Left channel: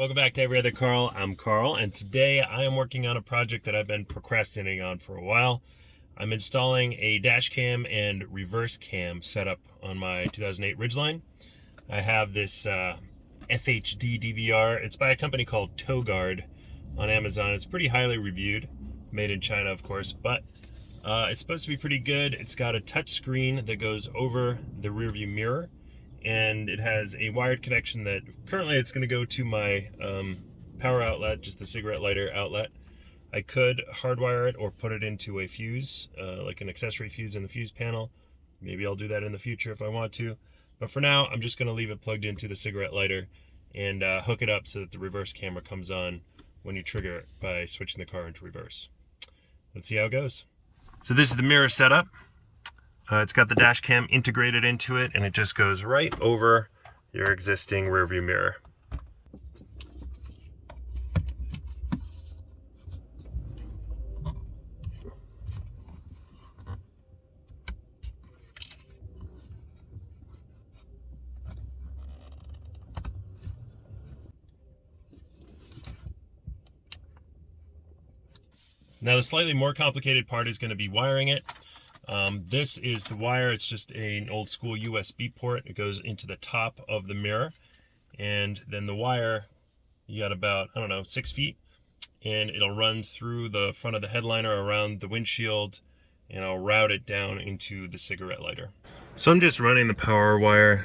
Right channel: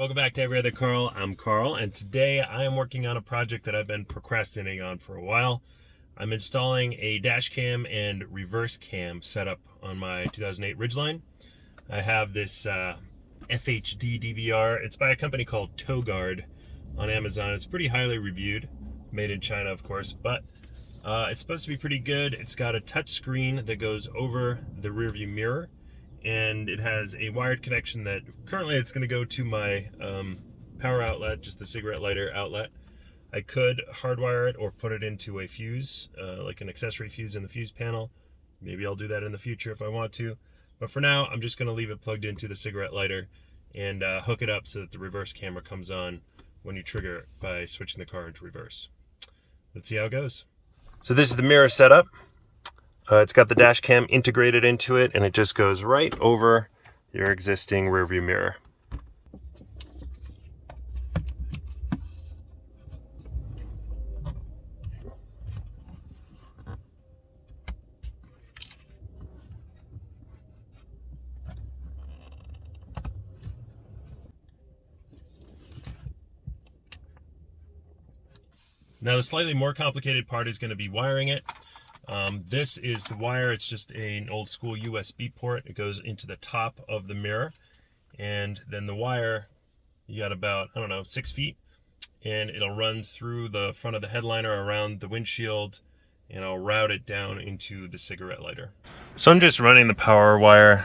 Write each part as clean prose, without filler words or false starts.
Welcome back to Every Other Carl. I'm Carl, and today I am working on a project that I've been procrastinating on for a while. I'm installing a dash cam and reverse cam setup on my 2008 Ridgeline. I have this FHD DVR. It's by a company called Togaurd on Amazon. It's pretty highly reviewed, made in China, of course, but it's supposed to be pretty good. It's got a touch screen that goes over the rear view mirror, and it has a wired connection that currently it's going to go to my power outlet, just the cigarette lighter outlet. I could hardwire it or put it into a fuse, like an accessory fuse in the fuse panel. Maybe I'll do that in the future if I want to. But for now, I'm just going to leave it plugged into the cigarette lighter and hook it up so that the reverse camera comes on when you trigger it by switching the car into reverse. Let's see how it goes. So this is the mirror setup. It's got the dash cam integrated into it, and it just goes right over your existing rear view mirror. Now the slightly more complicated part is going to be wiring it. This is the wire. It's just an old school USB port. It goes into the top of the mirror, and then the wire, you got about, 6 feet, and it'll run through the front of the headliner around the windshield, and I'll route it down into the cigarette lighter. So I'm just running the power wire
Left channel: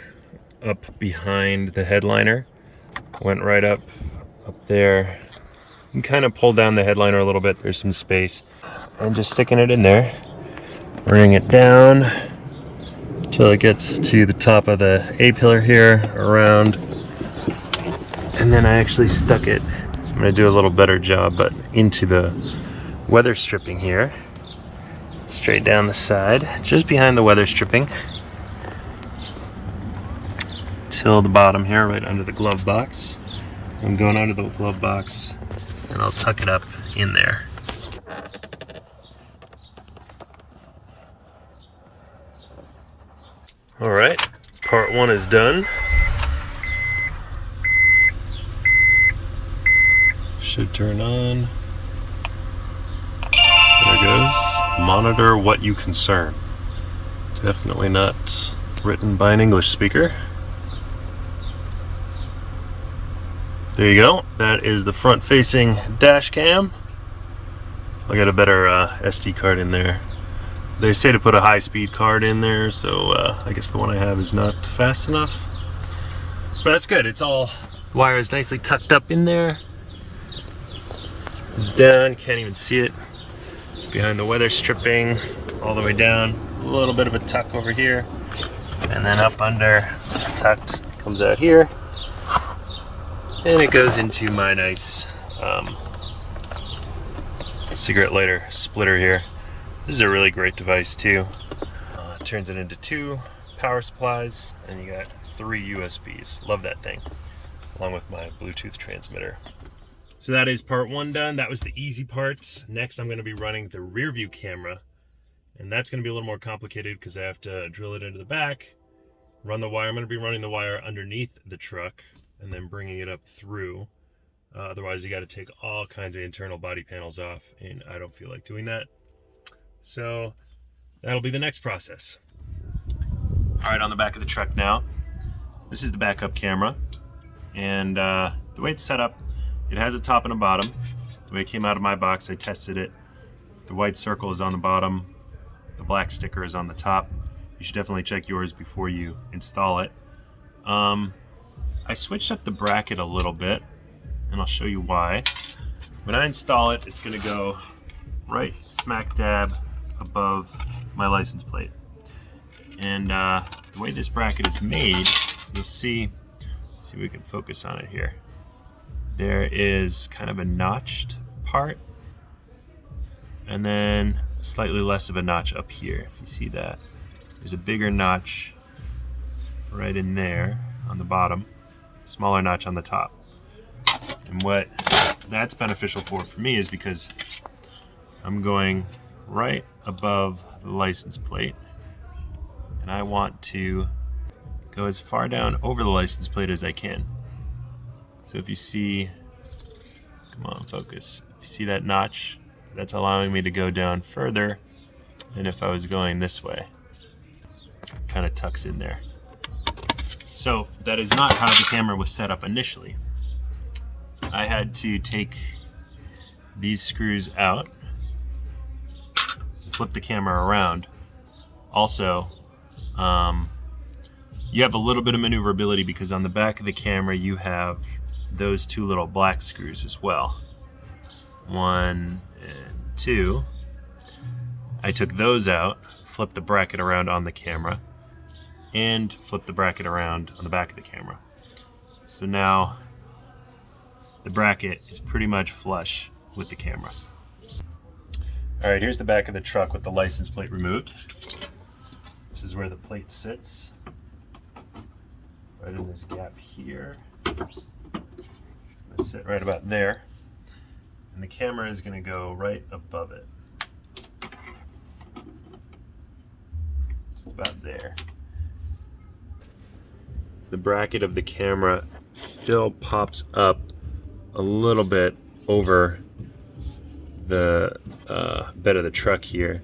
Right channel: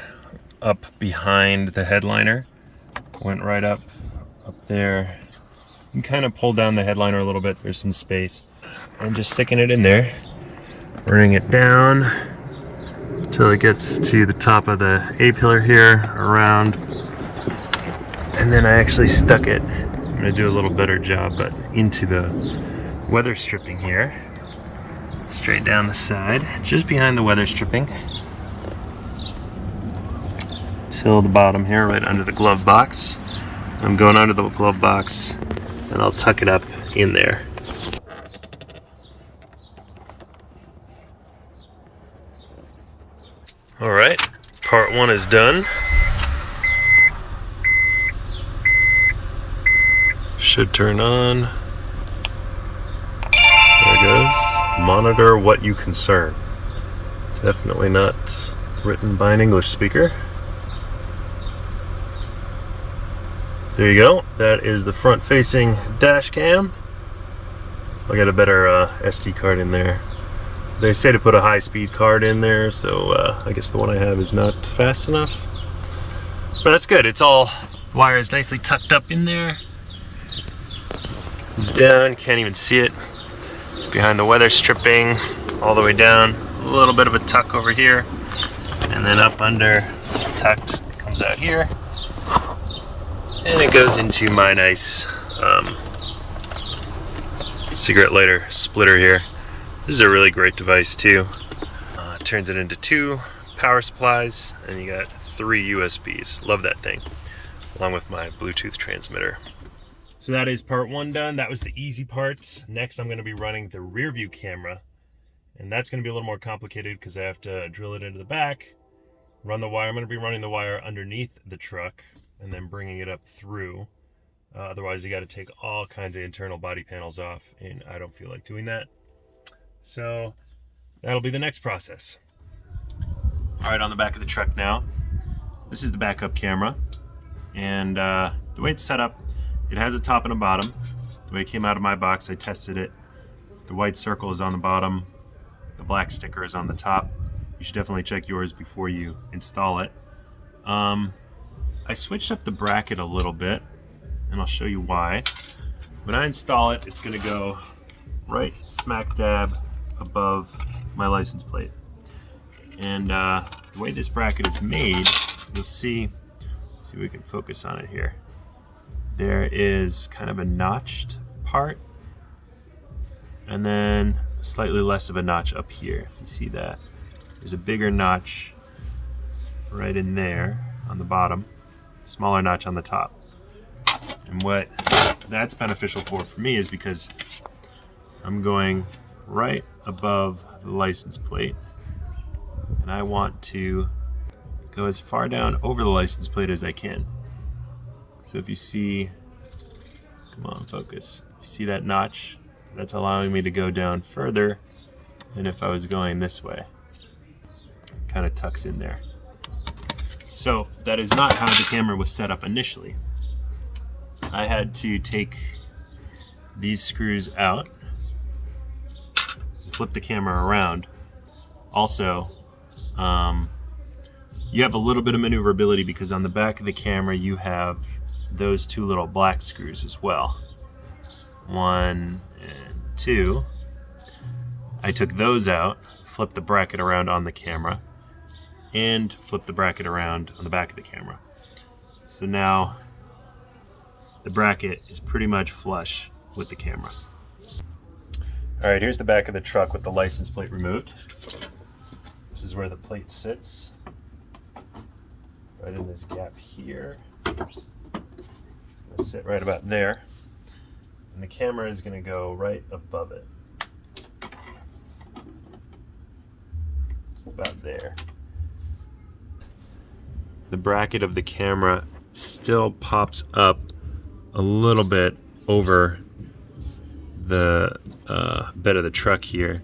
up behind the headliner. Went right up there. You can kind of pull down the headliner a little bit. There's some space, and just sticking it in there. Running it down until it gets to the top of the A-pillar here, around, and then I actually stuck it, I'm going to do a little better job, but into the weather stripping here, straight down the side, just behind the weather stripping, till the bottom here, right under the glove box. I'm going under the glove box, and I'll tuck it up in there. All right, part one is done. Should turn on. There it goes. Monitor what you concern. Definitely not written by an English speaker. There you go. That is the front-facing dash cam. I'll get a better SD card in there. They say to put a high-speed card in there, so I guess the one I have is not fast enough. But that's good. It's all, the wire is nicely tucked up in there. It's down, can't even see it. It's behind the weather stripping, all the way down. A little bit of a tuck over here, and then up under, it's tucked, comes out here. And it goes into my nice cigarette lighter splitter here. This is a really great device too. Turns it into 2 power supplies, and you got 3 USBs. Love that thing, along with my Bluetooth transmitter. So that is part 1 done. That was the easy part. Next, I'm going to be running the rear view camera, and that's going to be a little more complicated because I have to drill it into the back, run the wire. I'm going to be running the wire underneath the truck and then bringing it up through. Otherwise, you got to take all kinds of internal body panels off, and I don't feel like doing that. So that'll be the next process. All right, on the back of the truck now. This is the backup camera, and the way it's set up, it has a top and a bottom. The way it came out of my box, I tested it. The white circle is on the bottom. The black sticker is on the top. You should definitely check yours before you install it. I switched up the bracket a little bit, and I'll show you why. When I install it, it's gonna go right smack dab above my license plate. And the way this bracket is made, you'll see if we can focus on it here. There is kind of a notched part, and then slightly less of a notch up here. If you see that, there's a bigger notch right in there on the bottom, smaller notch on the top. And what that's beneficial for me is because I'm going right above the license plate, and I want to go as far down over the license plate as I can. So if you see, come on, focus. If you see that notch, that's allowing me to go down further than if I was going this way. Kind of tucks in there. So that is not how the camera was set up initially. I had to take these screws out, flip the camera around. Also, you have a little bit of maneuverability because on the back of the camera you have those two little black screws as well. 1 and 2. I took those out, flipped the bracket around on the camera, and flipped the bracket around on the back of the camera. So now the bracket is pretty much flush with the camera. All right, here's the back of the truck with the license plate removed. This is where the plate sits, right in this gap here. It's gonna sit right about there. And the camera is gonna go right above it. Just about there. The bracket of the camera still pops up a little bit over the bed of the truck here,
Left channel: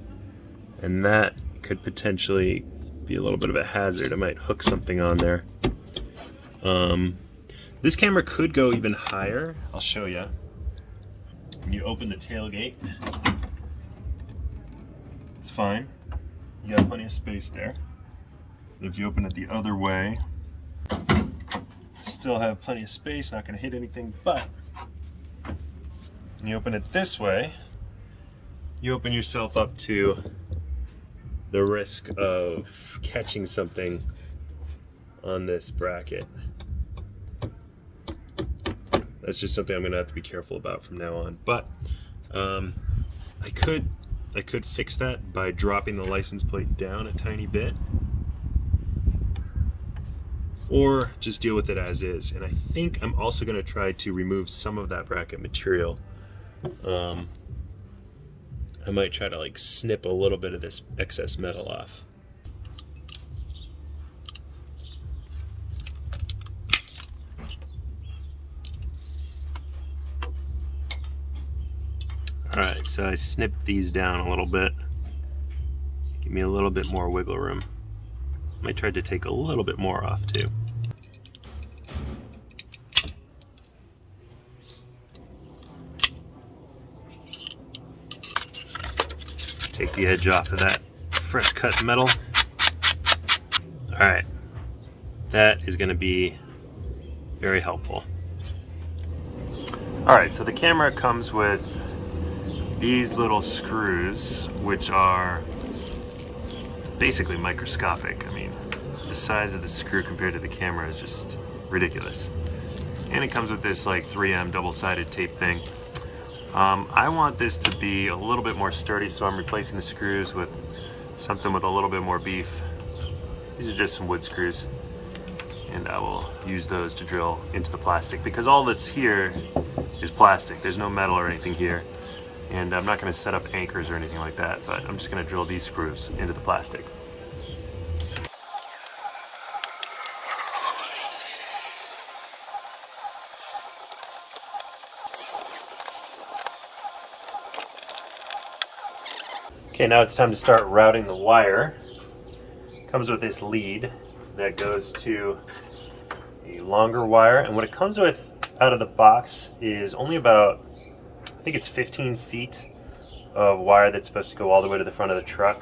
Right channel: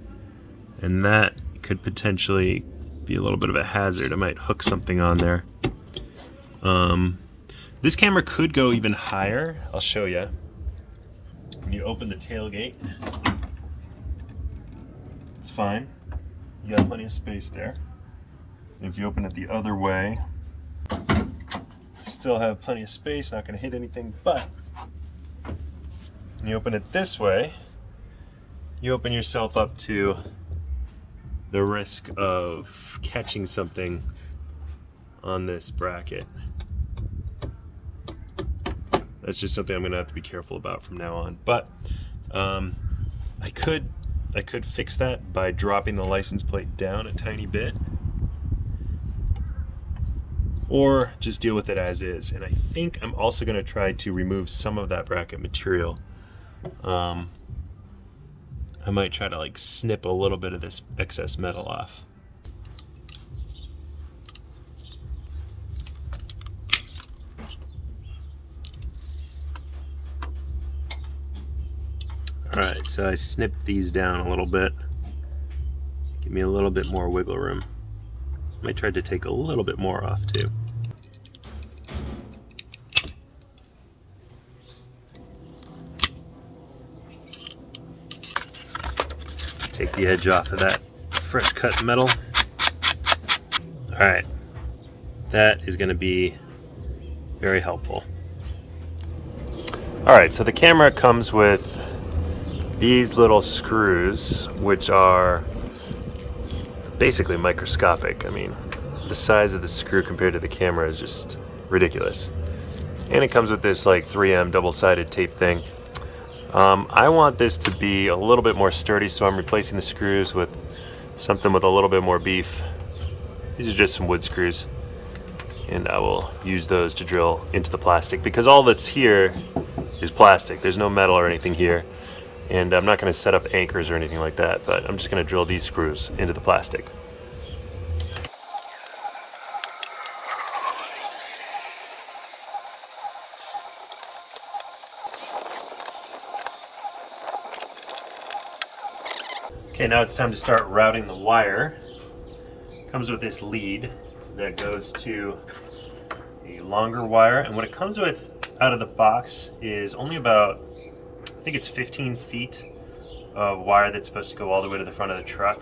and that could potentially be a little bit of a hazard. I might hook something on there. This camera could go even higher. I'll show you. When you open the tailgate, it's fine. You got plenty of space there. And if you open it the other way, still have plenty of space, not going to hit anything, but when you open it this way, you open yourself up to the risk of catching something on this bracket. That's just something I'm going to have to be careful about from now on. But I could fix that by dropping the license plate down a tiny bit, or just deal with it as is. And I think I'm also going to try to remove some of that bracket material. I might try to like snip a little bit of this excess metal off. Alright, so I snipped these down a little bit. Give me a little bit more wiggle room. Might try to take a little bit more off too. Take the edge off of that fresh cut metal. Alright, that is going to be very helpful. Alright, so the camera comes with these little screws, which are basically microscopic. I mean, the size of the screw compared to the camera is just ridiculous. And it comes with this like 3M double-sided tape thing. I want this to be a little bit more sturdy, so I'm replacing the screws with something with a little bit more beef. These are just some wood screws, and I will use those to drill into the plastic, because all that's here is plastic. There's no metal or anything here, and I'm not going to set up anchors or anything like that, but I'm just going to drill these screws into the plastic. Okay, now it's time to start routing the wire. Comes with this lead that goes to a longer wire, and what it comes with out of the box is only about, I think it's 15 feet of wire that's supposed to go all the way to the front of the truck.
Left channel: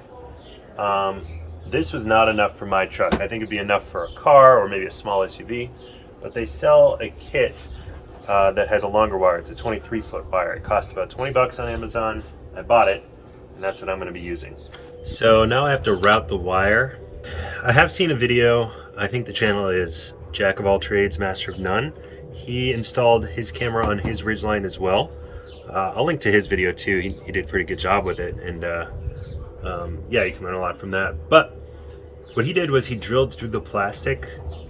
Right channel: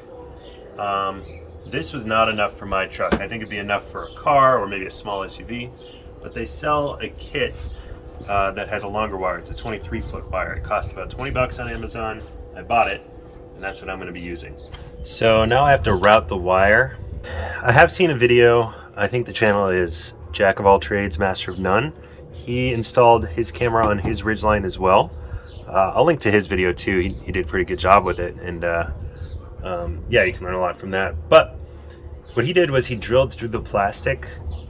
This was not enough for my truck. I think it'd be enough for a car or maybe a small SUV, but they sell a kit that has a longer wire. It's a 23-foot wire. It cost about 20 bucks on Amazon. I bought it, and that's what I'm going to be using. So now I have to route the wire. I have seen a video, I think the channel is Jack of All Trades, Master of None. He installed his camera on his Ridgeline as well. I'll link to his video too. He did a pretty good job with it, and yeah, you can learn a lot from that. But what he did was he drilled through the plastic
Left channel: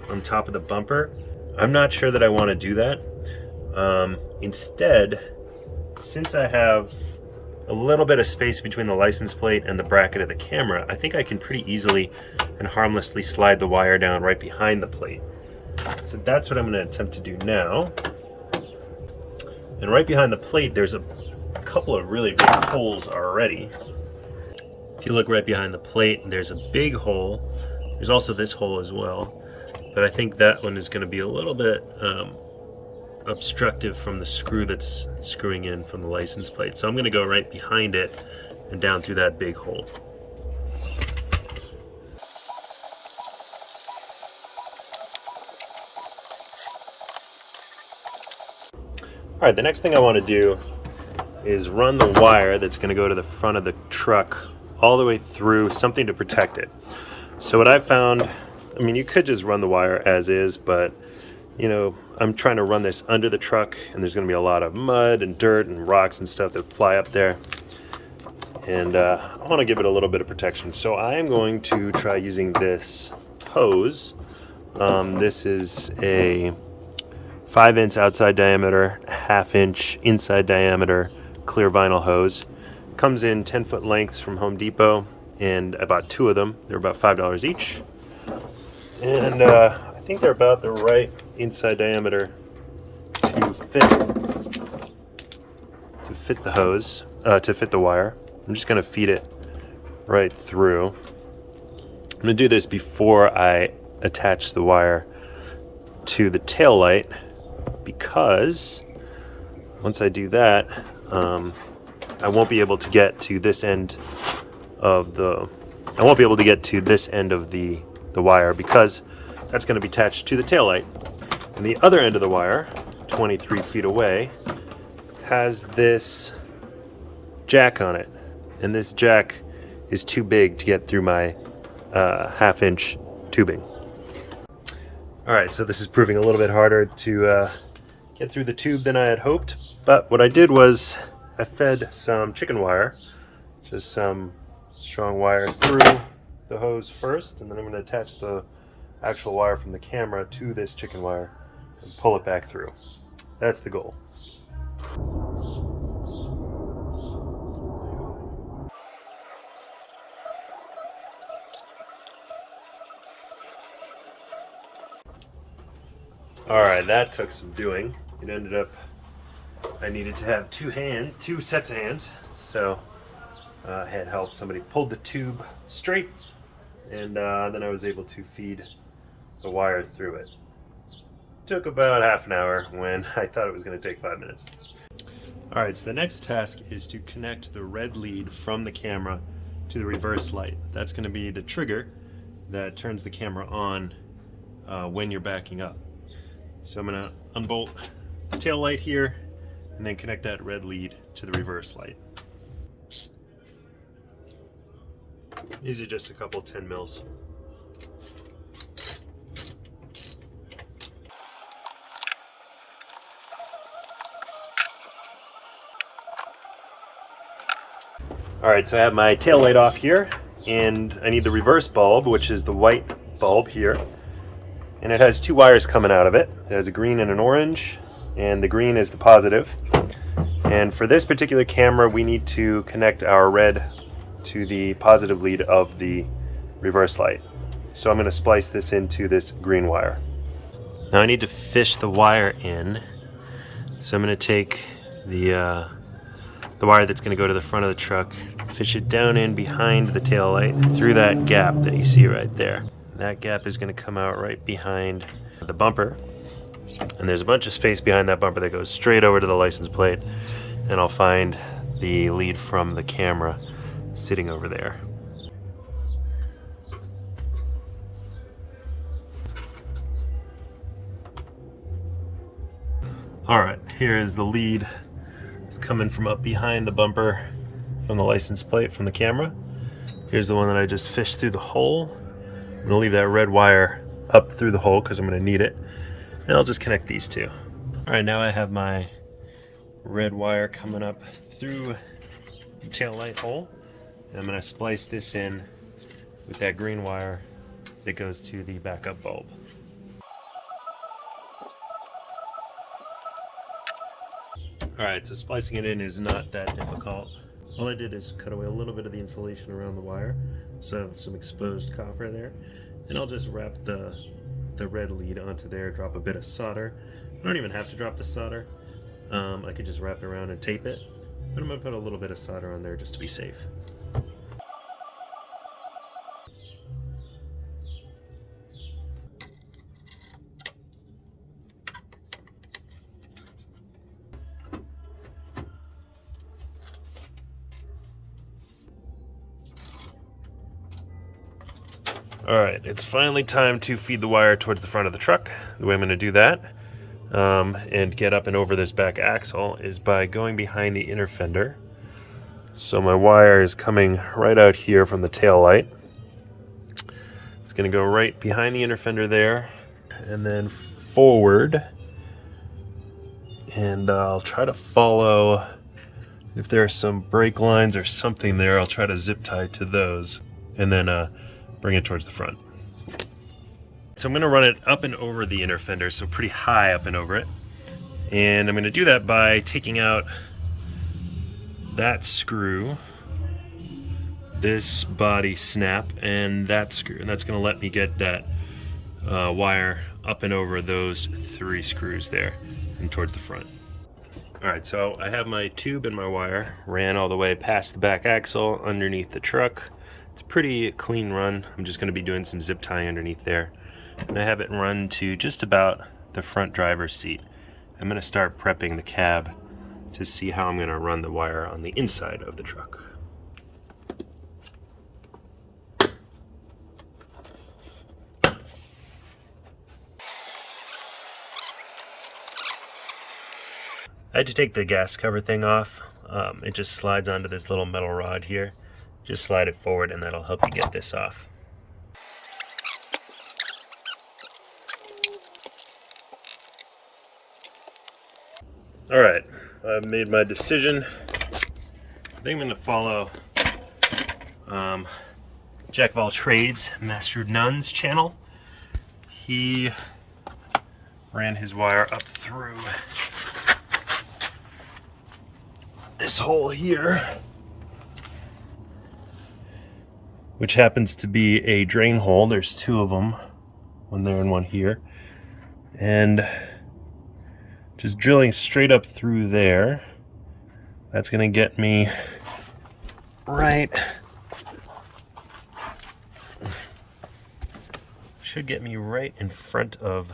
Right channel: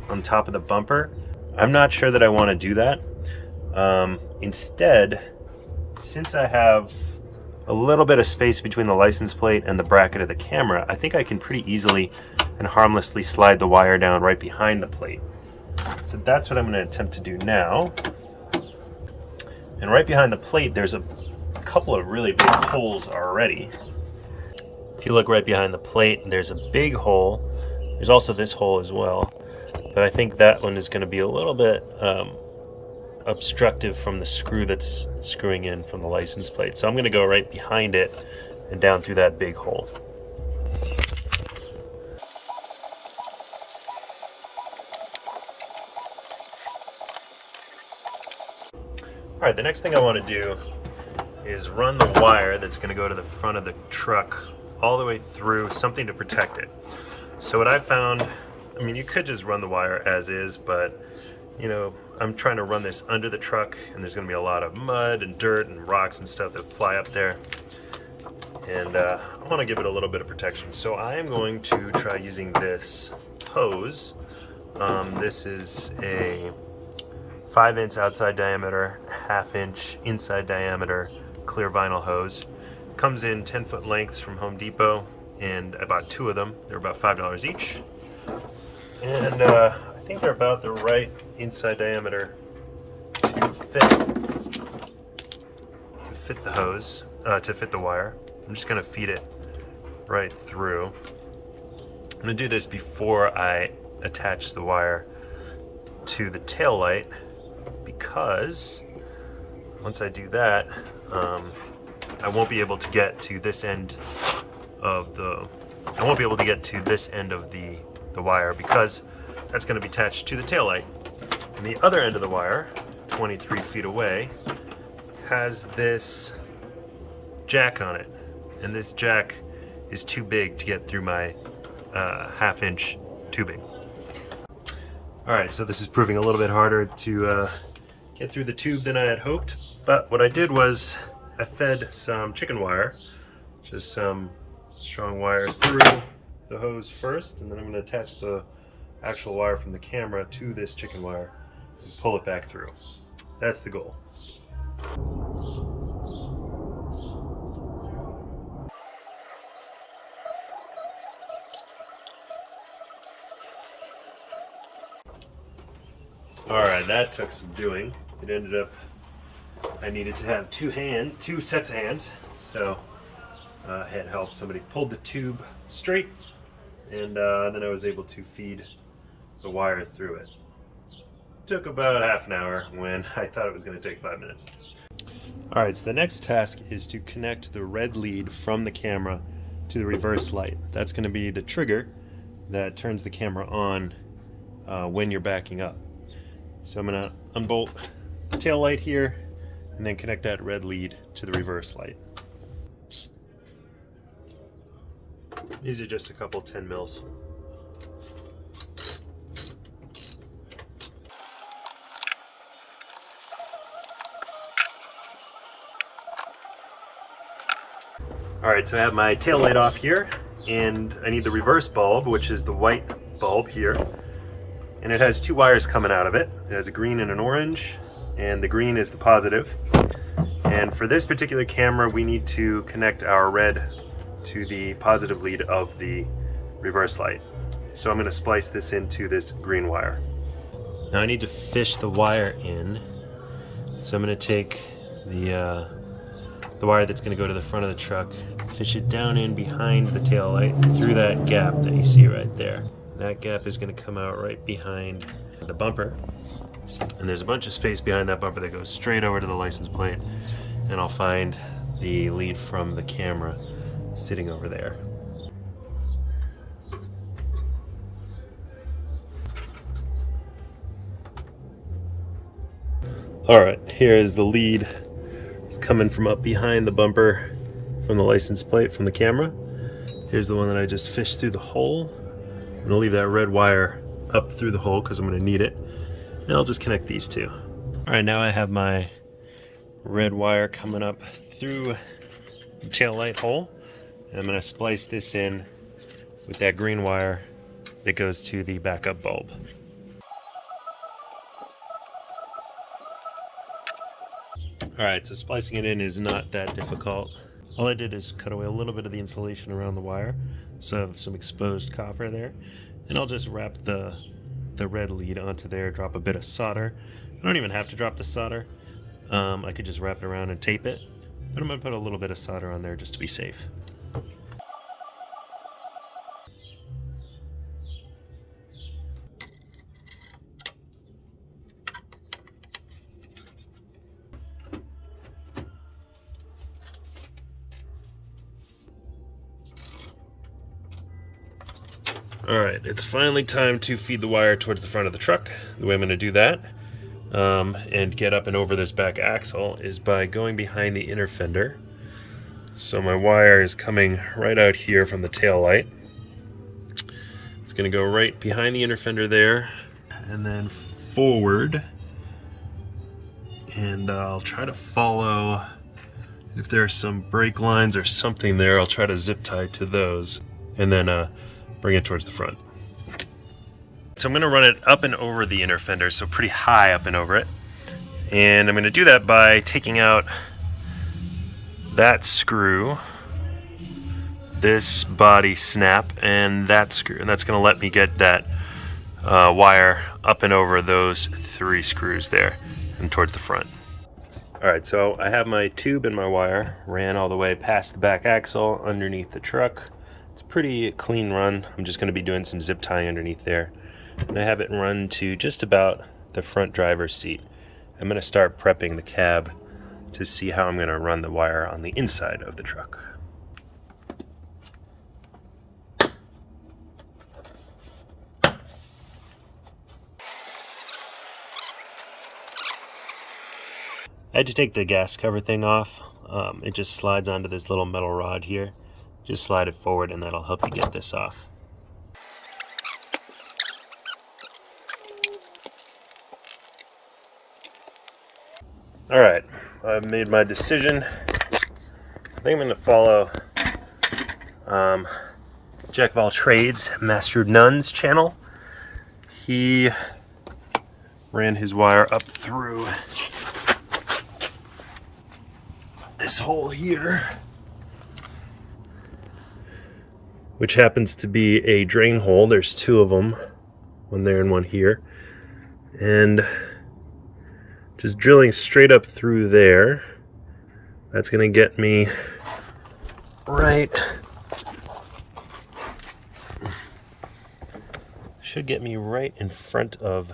on top of the bumper. I'm not sure that I want to do that. Instead, since I have a little bit of space between the license plate and the bracket of the camera, I think I can pretty easily and harmlessly slide the wire down right behind the plate. So that's what I'm going to attempt to do now. And right behind the plate, there's a couple of really big holes already. If you look right behind the plate, there's a big hole. There's also this hole as well, but I think that one is going to be a little bit obstructive from the screw that's screwing in from the license plate. So I'm going to go right behind it and down through that big hole. All right, the next thing I want to do is run the wire that's going to go to the front of the truck all the way through, something to protect it. So what I've found, I mean, you could just run the wire as is, but you know, I'm trying to run this under the truck, and there's going to be a lot of mud and dirt and rocks and stuff that fly up there, and I want to give it a little bit of protection. So I'm going to try using this hose. This is a 5" outside diameter, 1/2" inside diameter clear vinyl hose. Comes in 10-foot lengths from Home Depot, and I bought 2 of them. They're about $5 each, and I think they're about the right inside diameter to fit the hose, to fit the wire. I'm just going to feed it right through. I'm going to do this before I attach the wire to the tail light, because once I do that, I won't be able to get to this end of the wire, because that's going to be attached to the tail light. And the other end of the wire, 23 feet away, has this jack on it, and this jack is too big to get through my 1/2" tubing. All right, so this is proving a little bit harder to get through the tube than I had hoped, but what I did was I fed some chicken wire, just some strong wire, through the hose first, and then I'm going to attach the actual wire from the camera to this chicken wire and pull it back through. That's the goal. All right, that took some doing. It ended up, I needed to have 2 sets of hands, so I had help. Somebody pulled the tube straight, and then I was able to feed the wire through it. Took about half an hour when I thought it was going to take 5 minutes. All right, so the next task is to connect the red lead from the camera to the reverse light. That's going to be the trigger that turns the camera on when you're backing up. So I'm going to unbolt the tail light here and then connect that red lead to the reverse light. These are just a couple 10 mils. All right, so I have my tail light off here, and I need the reverse bulb, which is the white bulb here. And it has 2 wires coming out of it. It has a green and an orange, and the green is the positive. And for this particular camera, we need to connect our red to the positive lead of the reverse light. So I'm going to splice this into this green wire. Now I need to fish the wire in. So I'm going to take the wire that's going to go to the front of the truck, fish it down in behind the tail light through that gap that you see right there. That gap is going to come out right behind the bumper, and there's a bunch of space behind that bumper that goes straight over to the license plate, and I'll find the lead from the camera sitting over there. All right, here is the lead. It's coming from up behind the bumper from the license plate from the camera. Here's the one that I just fished through the hole. I'm going to leave that red wire up through the hole because I'm going to need it. And I'll just connect these 2. All right, now I have my red wire coming up through the tail light hole. And I'm going to splice this in with that green wire that goes to the backup bulb. All right, so splicing it in is not that difficult. All I did is cut away a little bit of the insulation around the wire, so I have some exposed copper there. And I'll just wrap the red lead onto there, drop a bit of solder. I don't even have to drop the solder. I could just wrap it around and tape it, but I'm gonna put a little bit of solder on there just to be safe. All right, it's finally time to feed the wire towards the front of the truck. The way I'm gonna do that and get up and over this back axle is by going behind the inner fender. So my wire is coming right out here from the tail light. It's gonna go right behind the inner fender there and then forward. And I'll try to follow, if there are some brake lines or something there, I'll try to zip tie to those and then bring it towards the front. So I'm gonna run it up and over the inner fender, so pretty high up and over it. And I'm gonna do that by taking out that screw, this body snap, and that screw. And that's gonna let me get that wire up and over those 3 screws there and towards the front. All right, so I have my tube and my wire ran all the way past the back axle underneath the truck. It's a pretty clean run. I'm just gonna be doing some zip tying underneath there. And I have it run to just about the front driver's seat. I'm gonna start prepping the cab to see how I'm gonna run the wire on the inside of the truck. I had to take the gas cover thing off. It just slides onto this little metal rod here. Just slide it forward and that'll help you get this off. All right, I've made my decision. I think I'm gonna follow Jack of all trades, Master Nuns channel. He ran his wire up through this hole here, which happens to be a drain hole. There's 2 of them, one there and one here. And just drilling straight up through there, that's gonna get me right, should get me right in front of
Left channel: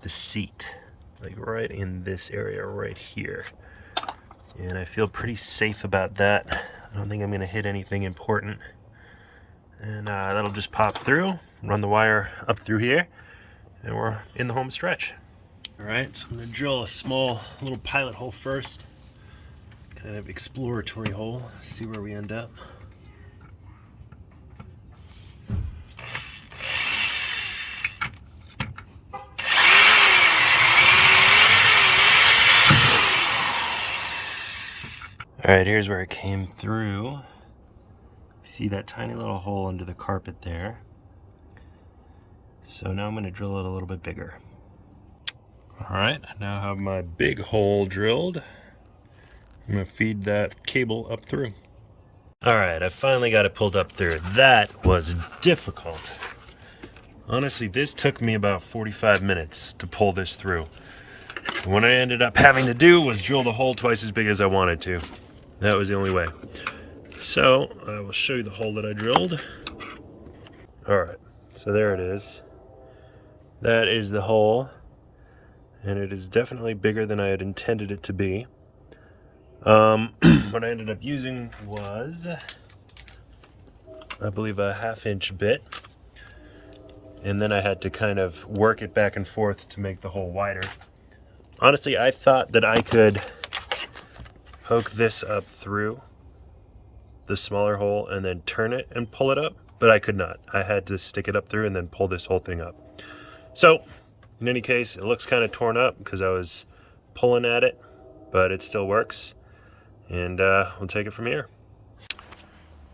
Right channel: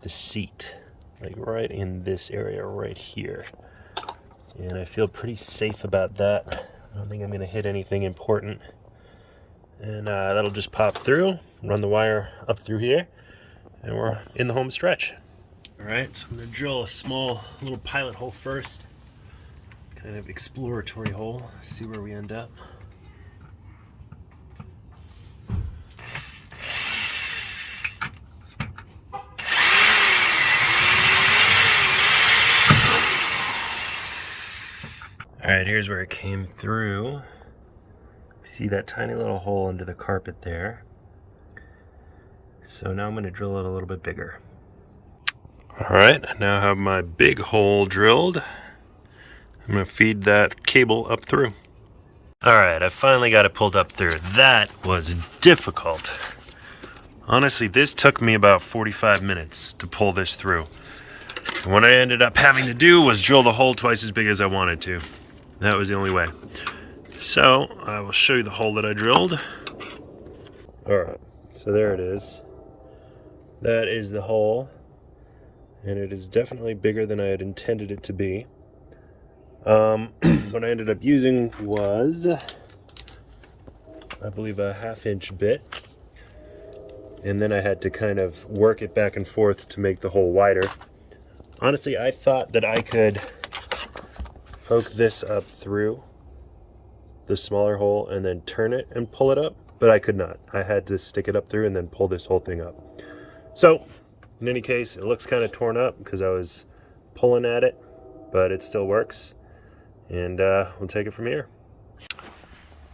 the seat, like right in this area right here. And I feel pretty safe about that. I don't think I'm gonna hit anything important. And that'll just pop through, run the wire up through here, and we're in the home stretch. All right, so I'm gonna drill a small little pilot hole first, kind of exploratory hole, see where we end up. All right, here's where it came through. See that tiny little hole under the carpet there. So now I'm gonna drill it a little bit bigger. All right, I now have my big hole drilled. I'm gonna feed that cable up through. All right, I finally got it pulled up through. That was difficult. Honestly, this took me about 45 minutes to pull this through. And what I ended up having to do was drill the hole twice as big as I wanted to. That was the only way. So I will show you the hole that I drilled. All right, so there it is. That is the hole. And it is definitely bigger than I had intended it to be. What I ended up using was, I believe, a 1/2-inch bit. And then I had to kind of work it back and forth to make the hole wider. Honestly, I thought that I could poke this up through the smaller hole and then turn it and pull it up, but I could not. I had to stick it up through and then pull this whole thing up. So, in any case, it looks kind of torn up because I was pulling at it, but it still works. And we'll take it from here.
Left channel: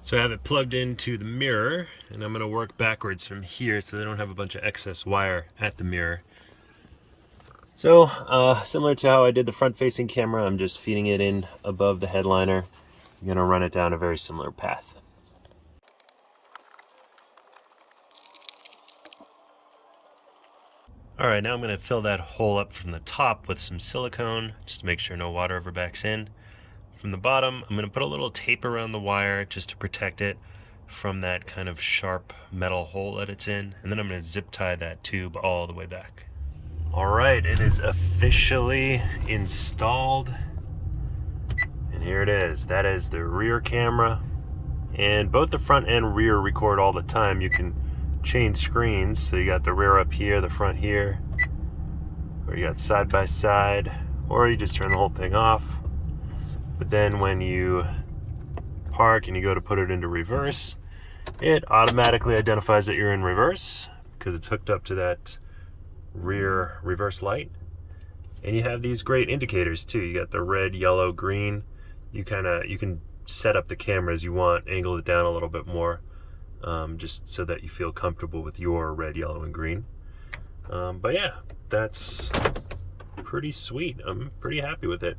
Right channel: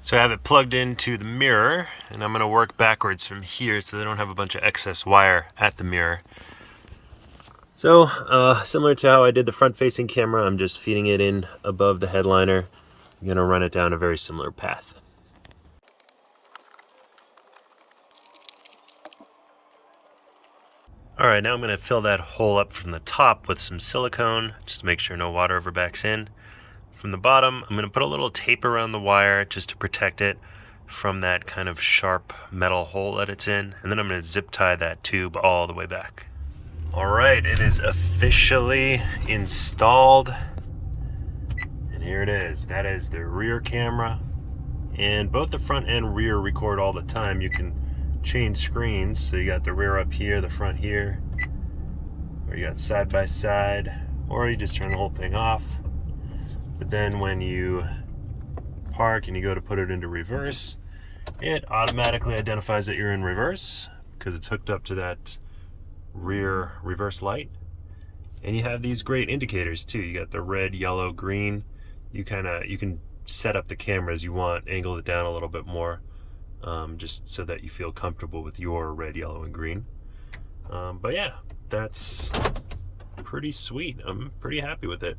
So I have it plugged into the mirror, and I'm gonna work backwards from here so they don't have a bunch of excess wire at the mirror. So, similar to how I did the front-facing camera, I'm just feeding it in above the headliner. I'm gonna run it down a very similar path. All right, now I'm going to fill that hole up from the top with some silicone, just to make sure no water ever backs in. From the bottom, I'm going to put a little tape around the wire just to protect it from that kind of sharp metal hole that it's in, and then I'm going to zip tie that tube all the way back. All right, it is officially installed, and here it is. That is the rear camera, and both the front and rear record all the time. You can change screens, so you got the rear up here, the front here, or you got side by side, or you just turn the whole thing off. But then when you park and you go to put it into reverse, it automatically identifies that you're in reverse because it's hooked up to that rear reverse light. And you have these great indicators too. You got the red, yellow, green. You can set up the camera as you want, angle it down a little bit more, just so that you feel comfortable with your red, yellow, and green. But yeah, that's pretty sweet. I'm pretty happy with it.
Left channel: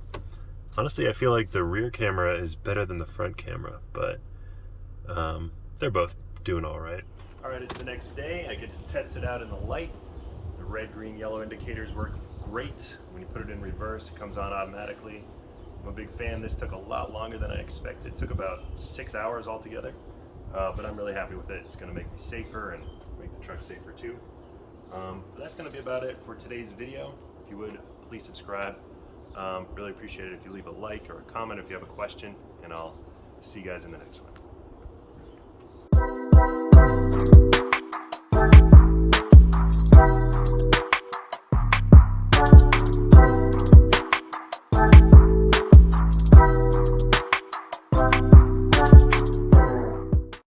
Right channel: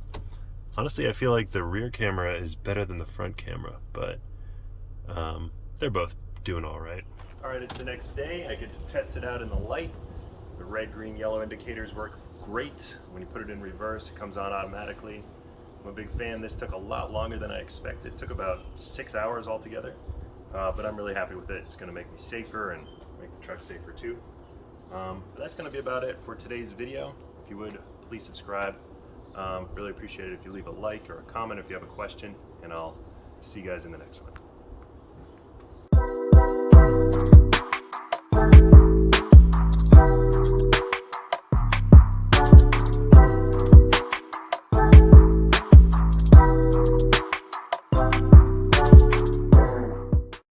Honestly, I feel like the rear camera is better than the front camera, but they're both doing all right. All right, it's the next day. I get to test it out in the light. The red, green, yellow indicators work great. When you put it in reverse, it comes on automatically. I'm a big fan. This took a lot longer than I expected. It took about 6 hours altogether, but I'm really happy with it. It's gonna make me safer and make the truck safer too. But that's gonna be about it for today's video. If you would, please subscribe. Really appreciate it if you leave a like or a comment if you have a question, and I'll see you guys in the next one.